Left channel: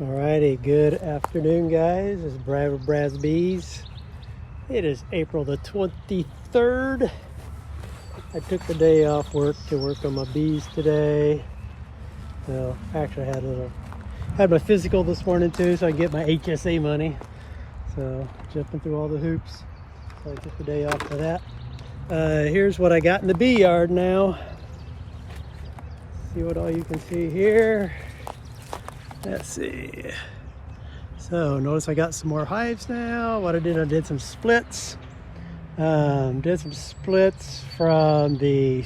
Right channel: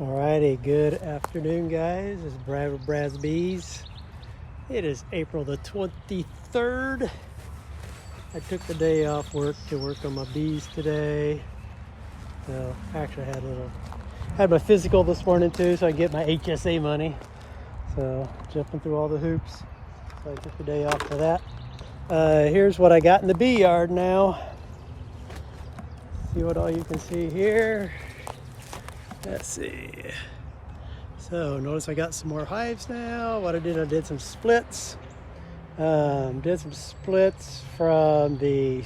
Alrighty, good afternoon, guys. This is Brad with Brad's Bees. It is April the 23rd. I took the day off work to work on my bees today. So actually I had my physical this morning too, so I can get my HSA money. So jumping through all the hoops. So I took the day off for that. Here's what I got in the bee yard now. See what all you can see here. Let's see. So notice I got some more hives now. What I did some splits. Did some splits from the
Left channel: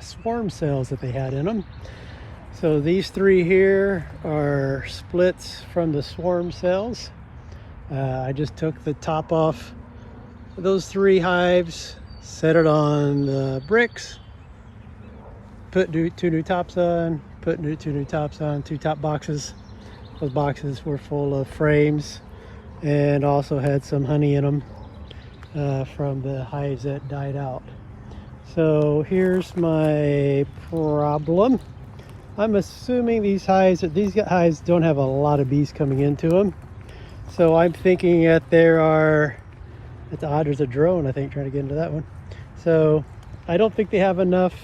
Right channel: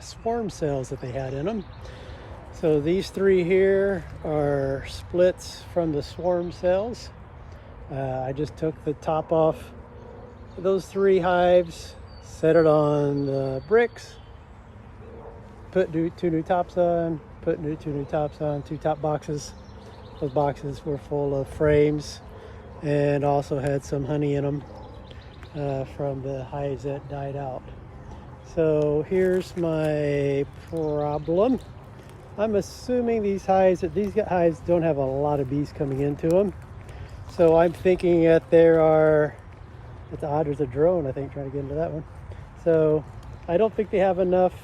swarm cells that they had in them. So these three here are splits from the swarm cells. I just took the top off those three hives, set it on the bricks, put two new tops on, put two new tops on, two top boxes. Those boxes were full of frames and also had some honey in them from the hives that died out. So here's my problem. I'm assuming these hives don't have a lot of bees coming into them. So I'm thinking that it's odd, there's a drone I think trying to get into that one. So I don't think they have enough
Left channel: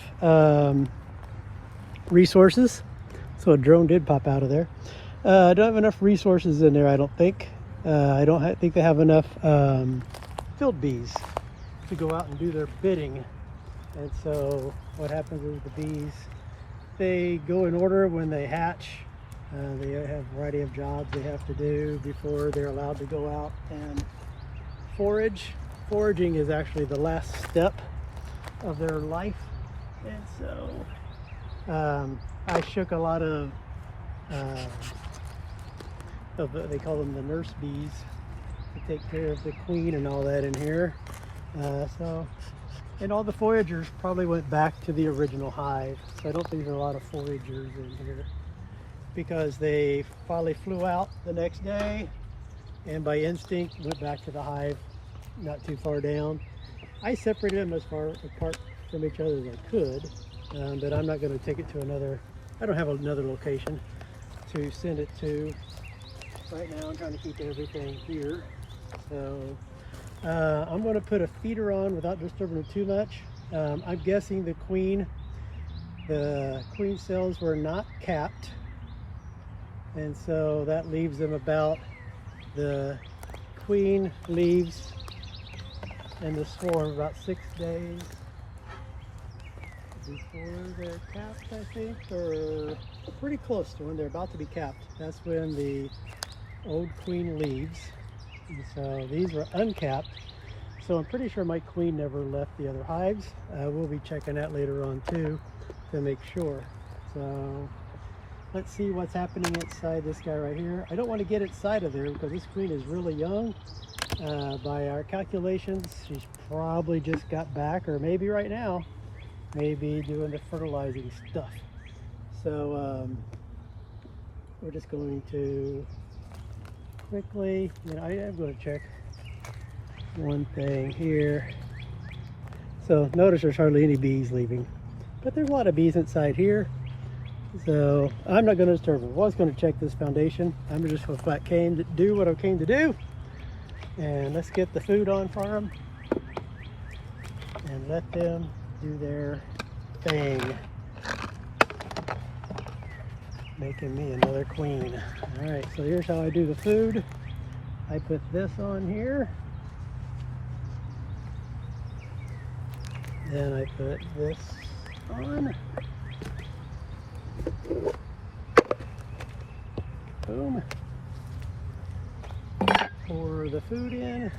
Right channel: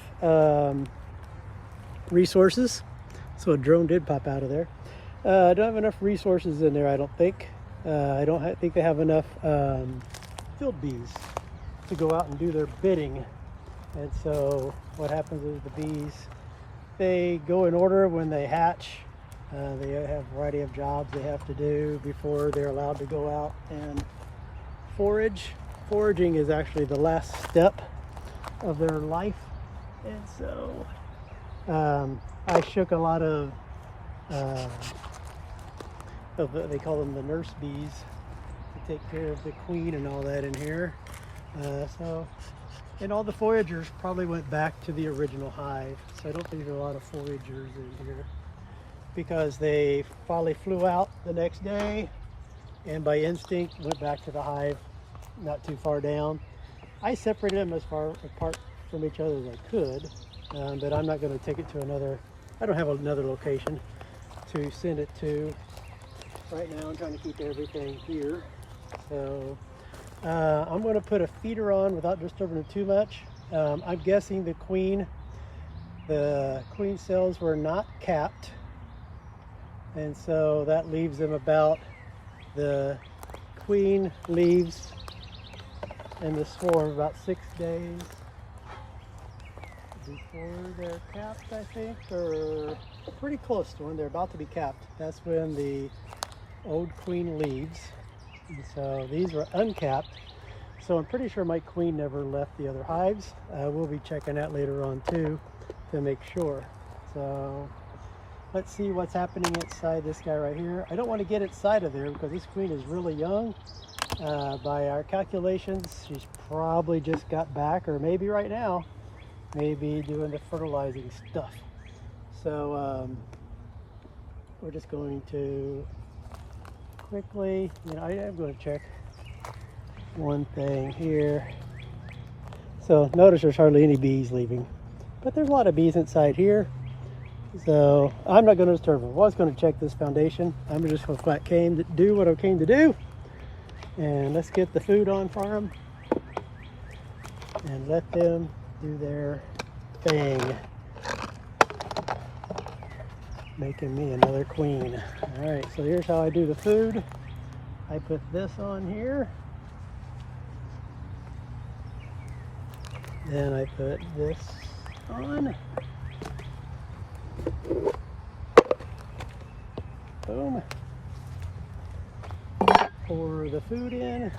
resources. So a drone did pop out of there. I don't have enough resources in there, I don't think. I don't think they have enough field bees to go out and do their bidding. And so what happens is the bees, they go in order when they hatch. They have a variety of jobs they have to do before they're allowed to go out and forage. Foraging is actually the last step of their life. And so I shook a lot of they call them the nurse bees to take care of the queen and all that in here. And all the foragers probably went back to the original hive. So I don't think there's a lot of foragers in here because they finally flew out the next day and by instinct went back to the hive not too far down. I separated them as far apart from each other as I could, but I'm not going to take it to I don't have another location to send it to. Right now I'm trying to keep everything here. So I'm going to put a feeder on without disturbing it too much. I'm guessing the queen cells were not capped, and so that leaves them the queen leaves and the swarm about 6 days before they're capped, I think, or pretty close to when they're about to be capped. That's when the old queen leaves. And so these were uncapped. So I'm pretty sure my queen never left the other hives. We'll be checking that later on too to make sure. So let's see what's happening inside this guy right here. I don't want to get inside of there because this queen is really young. By our calculations, she's probably just got back, or maybe right now, maybe doing the fertilizing stuff. So we're just going to quickly, I am going to check one thing here. So notice there's hardly any bees leaving, but there's a lot of bees inside here. So I'm not going to disturb them. I was going to check this foundation. I'm just going to do what I came to do. And let's get the food on for them and let them do their thing. Making me another queen. All right, so here's how I do the food. I put this on here. Then I put this on. Boom. Pour the food in,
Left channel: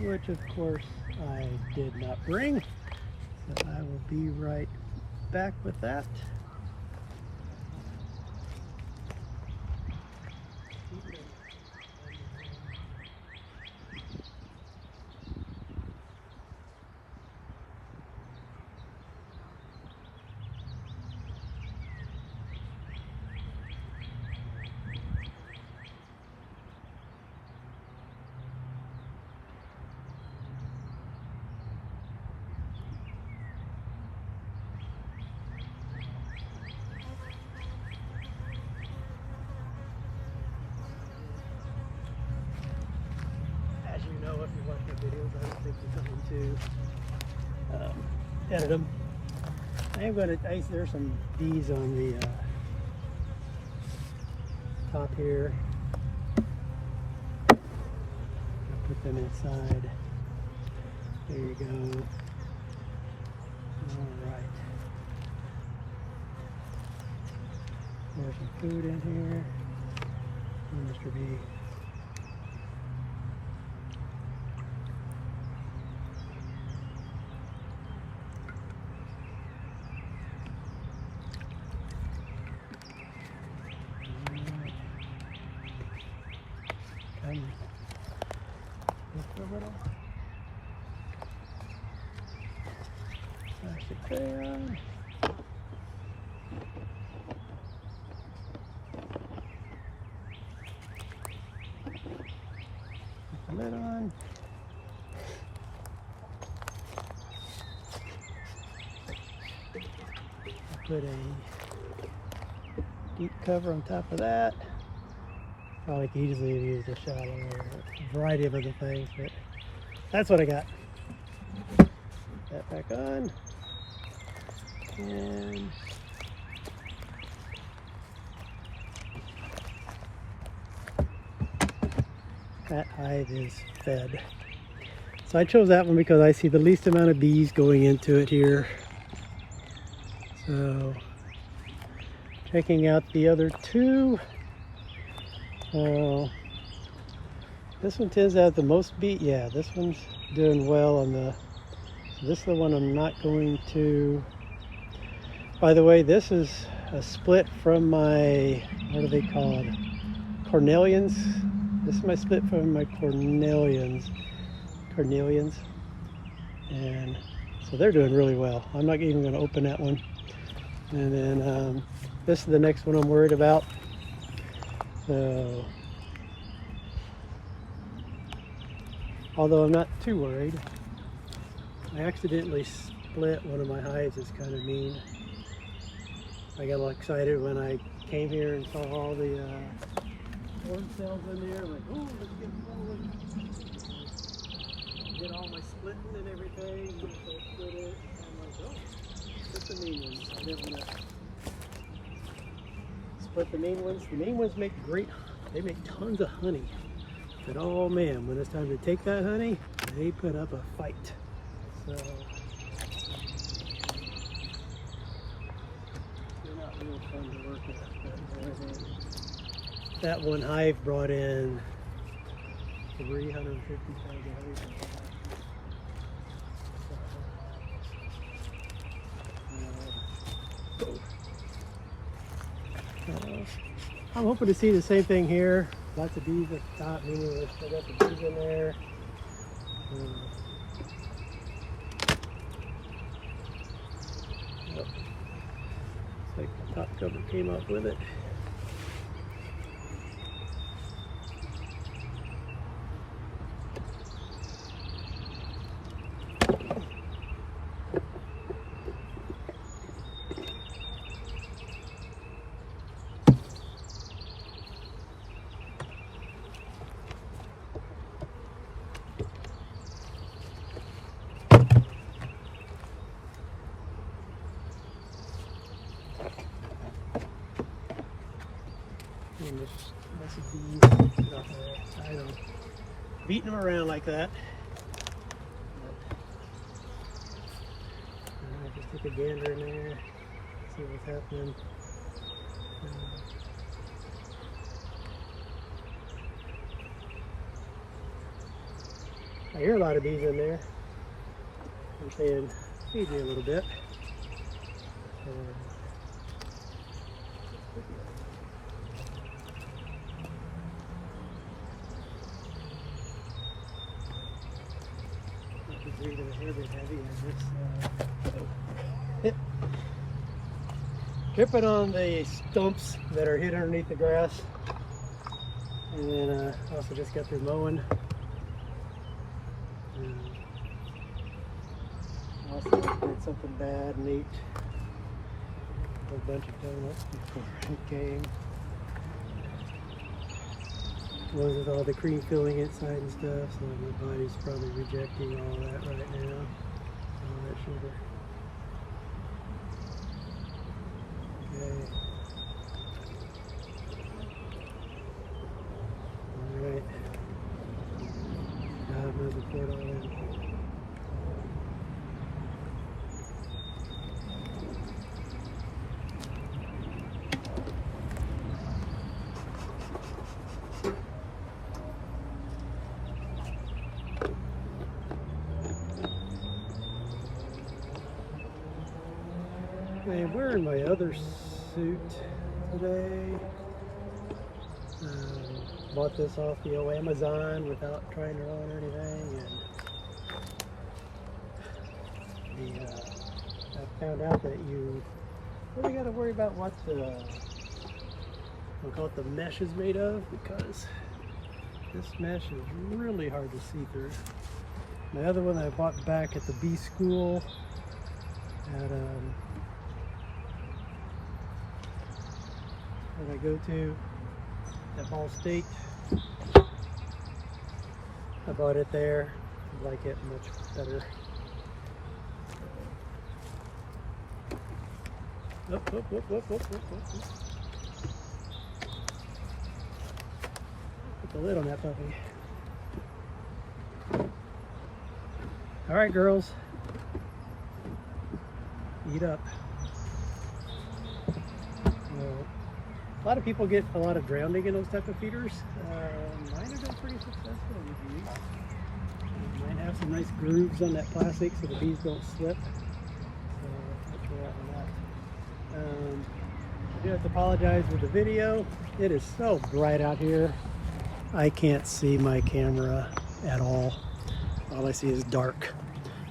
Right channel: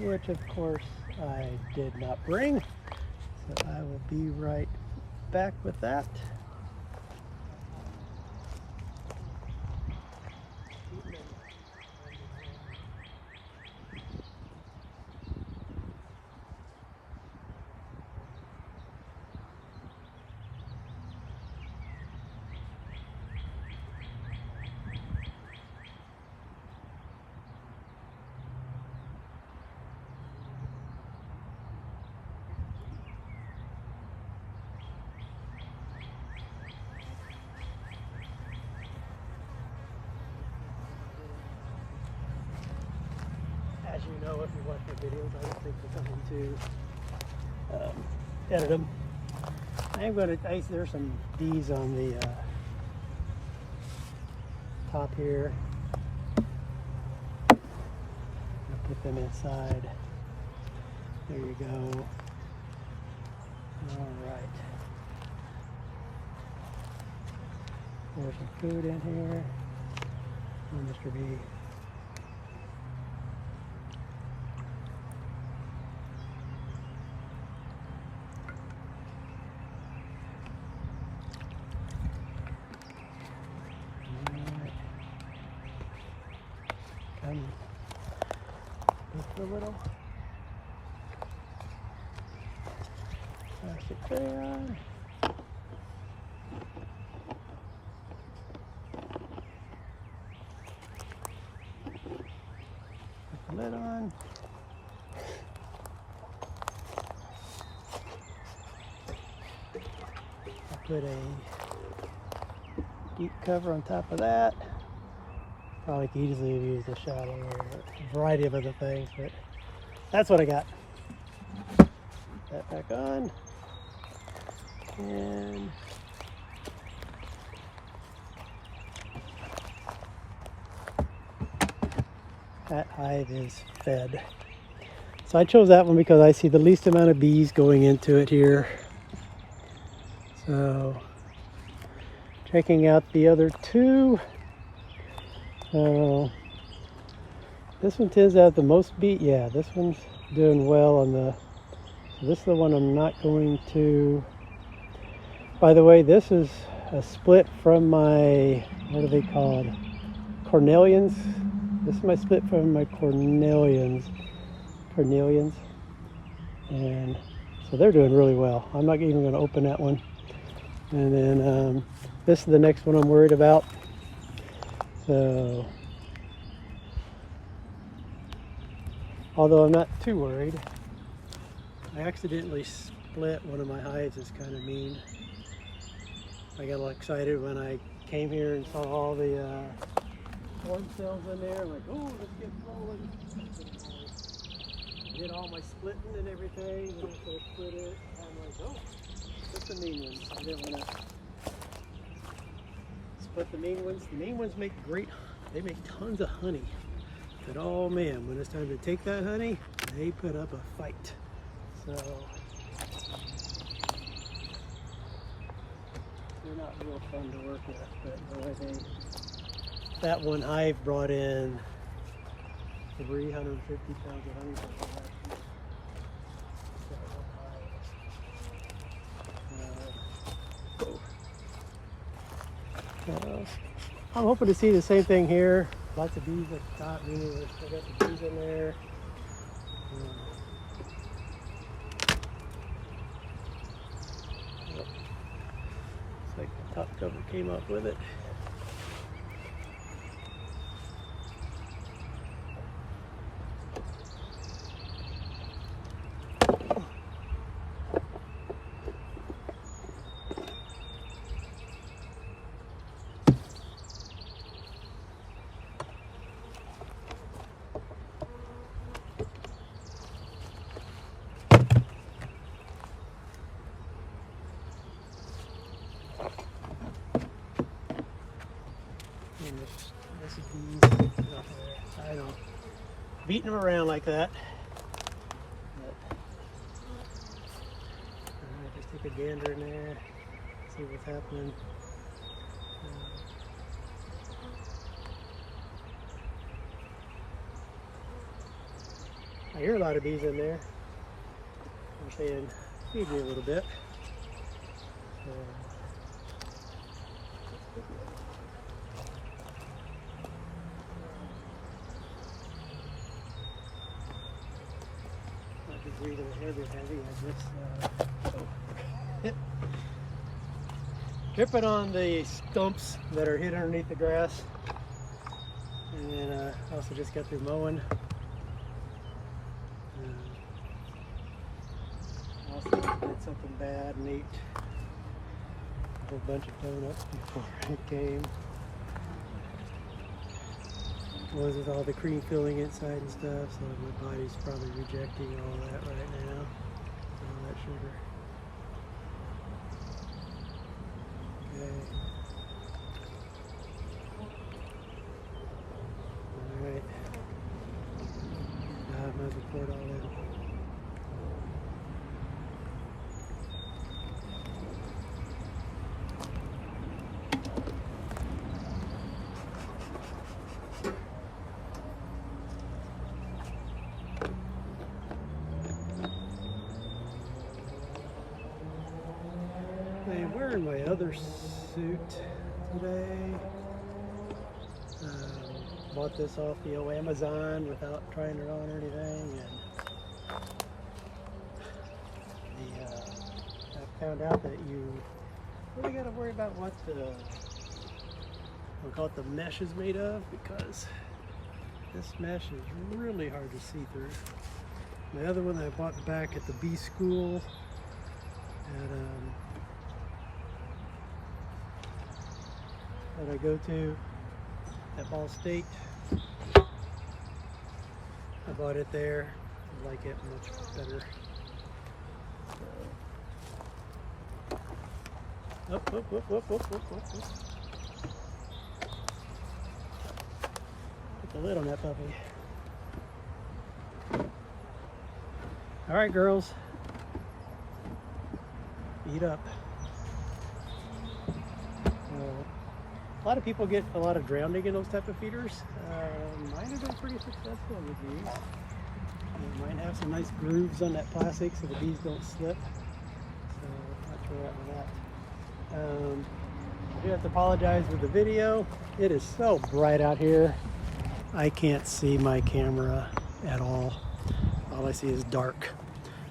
which of course I did not bring. So I will be right back with that. for something to edit them. There's some bees on the top here. Put them inside. There you go. All right. There's some food in here. And Mr. Bee. A little plastic fan. Put the lid on. I'll put a deep cover on top of that. Probably could easily use a shadow or a variety of other things, but that's what I got. That back on. And that hive is fed. So I chose that one because I see the least amount of bees going into it here. So checking out the other two. This one tends to have the most bees. Yeah, this one's doing well on the. So this is the one I'm not going to. By the way, this is a split from my, what are they called? Cornelians. This is my split from my Cornelians. And so they're doing really well. I'm not even going to open that one. And then this is the next one I'm worried about. So, although I'm not too worried, I accidentally split one of my hives. It's kind of mean. I got all excited when I came here and saw all the swarm cells in there. Like, oh, let's get going. Did all my splitting and everything. And so I split it. I'm like, oh, what's the mean one? I didn't want to split the mean ones. The mean ones make they make tons of honey. But oh man, when it's time to take that honey, they put up a fight. So they're not real fun to work with. But that one hive brought in 350,000 honey. I'm hoping to see the same thing here. Lots of bees at the top, meaning we've still got the bees in there. Yep. Looks like the top cover came up with it. And this is bees out there. I know, beating them around like that. Alright, just take a gander in there, see what's happening. I hear a lot of bees in there. I'm saying, feed me a little bit. Tripping on the stumps that are hid underneath the grass, and then also just got through mowing. Also did something bad and ate a whole bunch of donuts before it came. ones with all the cream filling inside and stuff, so my body's probably rejecting all that right now, all that sugar. Okay. Alright. I might have poured all in. I'm wearing my other suit today. Bought this off the old Amazon without trying it on or anything, and I found out that you really got to worry about what we'll call it the mesh is made of, because this mesh is really hard to see through. My other one I bought back at the bee school at that I go to at Ball State. I bought it there. I like it much better. Put the lid on that puppy. All right, girls, eat up. A lot of people get a lot of drowning in those type of feeders. Mine have been pretty successful with these. Mine have some nice grooves on that plastic so the bees don't slip. So not sure on that. I do have to apologize for the video. It is so bright out here. I can't see my camera at all. All I see is dark.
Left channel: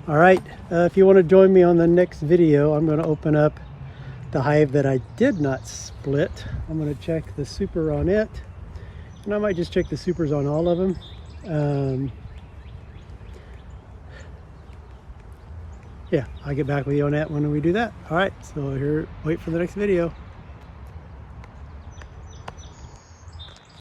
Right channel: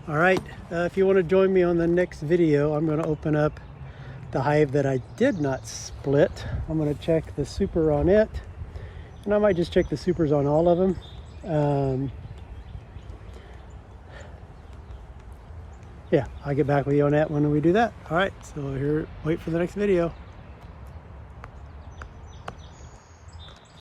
All right, if you want to join me on the next video, I'm going to open up the hive that I did not split. I'm going to check the super on it, and I might just check the supers on all of them. Yeah, I'll get back with you on that when we do that. All right, so here, wait for the next video.